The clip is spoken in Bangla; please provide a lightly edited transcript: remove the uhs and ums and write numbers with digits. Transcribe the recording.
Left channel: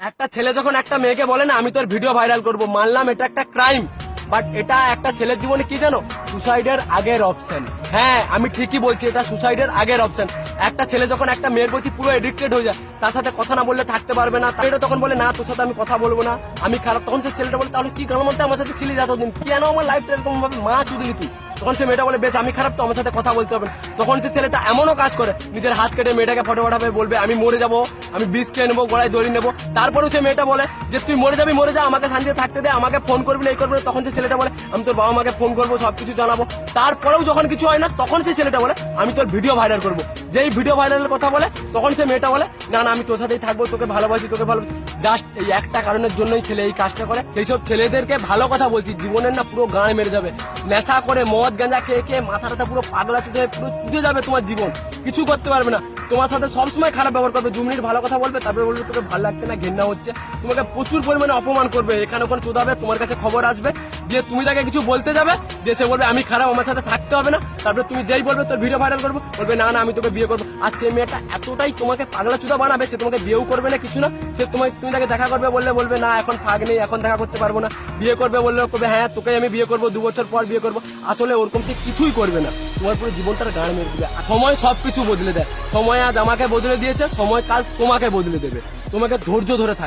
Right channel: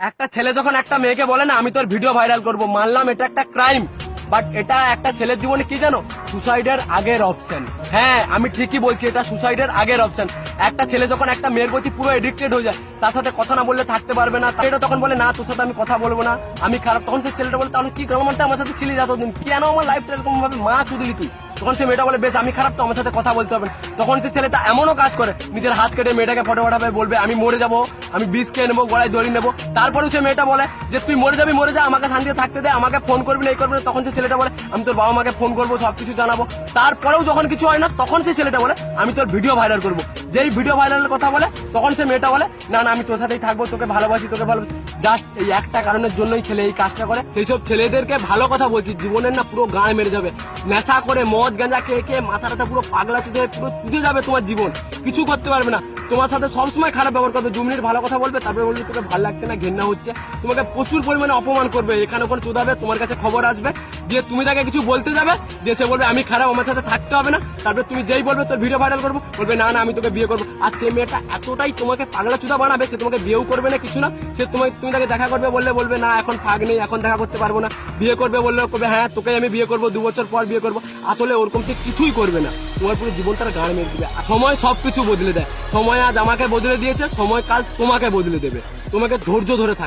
একটা ছেলে যখন একটা মেয়েকে বলে না আমি তোর ভিডিও ভাইরাল করব, মানলাম এটা একটা ক্রাইম, বাট এটা একটা ছেলের জীবনে কি জানো, সুসাইডের আগের অপশন। হ্যাঁ আমি ঠিকই বলছি, এটা সুসাইডের আগের অপশন। একটা ছেলে যখন একটা মেয়ের প্রতি পুরো এডিক্টেড হয়ে যায়, তার সাথে কথা না বললে থাকতে পারবে না, এটা তখন বলে না তোর সাথে আমি কথা বলবো না, আমি খারাপ। তখন সেই ছেলেটা বলে তাহলে কি গভর্নমেন্টটা আমার সাথে ছিলি যতদিন, কেন আমার লাইফটা এরকম ভাবে মা চুদি তুই। তখন সে মেয়েটা বলে বেশ আমি খারাপ তো আমার সাথে কথা বলতে হবে না। তখন সে ছেলেটা এমনও কাজ করে, নিজের হাত কেটে মেয়েটাকে ফটো পাঠাবে, বলবে আমি মরে যাবো, আমি বিষ খেয়ে নেবো, গলায় দড়ি নেবো। তারপরেও সে মেয়েটা বলে যে তুই মরে যাবি, মরে যা, আমাকে শান্তিতে থাকতে দে, আমাকে ফোন করবি না, এই করবি না। তখন সে ছেলেটা বলে আমি তোর বাবা মাকে ফোন করবো, সবকিছু জানাবো। তারপরেও যখন কিছু হয় না, তখন সে ছেলেটা বলে আমি তোর ভিডিও ভাইরাল করবো। যেই ভিডিও ভাইরালের কথা বলে, তখন সে মেয়েটা বলে না না আমি তোর সাথেই থাকবো, তোকে ভালোবাসি, তোকে ভালোবাসি। জাস্ট এই একটা কারণের জন্যই ছেলে এই কাজটা করে। সেইসব ছেলেদেরকে ভালো কথা বলছি, জীবনের না পুরো গান মেরে যাবে। নেশা করে মদ গাঁজা খেয়ে খেয়ে মাথাটা পুরো পাগলা চুটে পুরো চুটে যাবে তোমার জীবন, কিছু করতে পারবে না। তোমার সাথে সবসময় খারাপ ব্যবহার করবে, 2 মিনিট ভালো কথা বলবে, তারপরে বলবে তোকে ভালো লাগছে না, ঘেন্না হচ্ছে, তোমাকে প্রচুর পরিমাণে অপমান করবে, এখানে ওখানে চুদাবে, তোমার কাছে খবর আসবে যে তুমি তাকে কিছু বলতে যাবে, যে সে বলবে আমি খারাপ, আমার সাথে থাকতে হবে না। তারপরে তুমি যেই বলবে তোর ভিডিও ভাইরাল করবো, বলবে না না আমি তোকে বিয়ে করবো। আর সে মেয়েটা এতটাই তোমাকে পাগলা চুদা বানাবে, সে তোমাকে বিয়েও করবে না, কিছু না। সে তুমি তাকে দেখা করবে বললে বলবে না এখন ফাঁক নেই, এখন দেখা করতে পারবো না। বিয়ে করবে বললে করবে হ্যাঁ তোকে আমি বিয়ে করবো, 2 বছর পর বিয়ে করবো। আসলে ওরকম সে কিছুই করবে না, তোমার পুরো জীবনটার গান মেরে দিবে। সময় সবকিছু বদলে দেয়, সময় আজ আমাকে বদলে দিয়েছে, সময় কাল তোমাকে বদলে দেবে। তোমাকে ধৈর্য ধরে থাকতে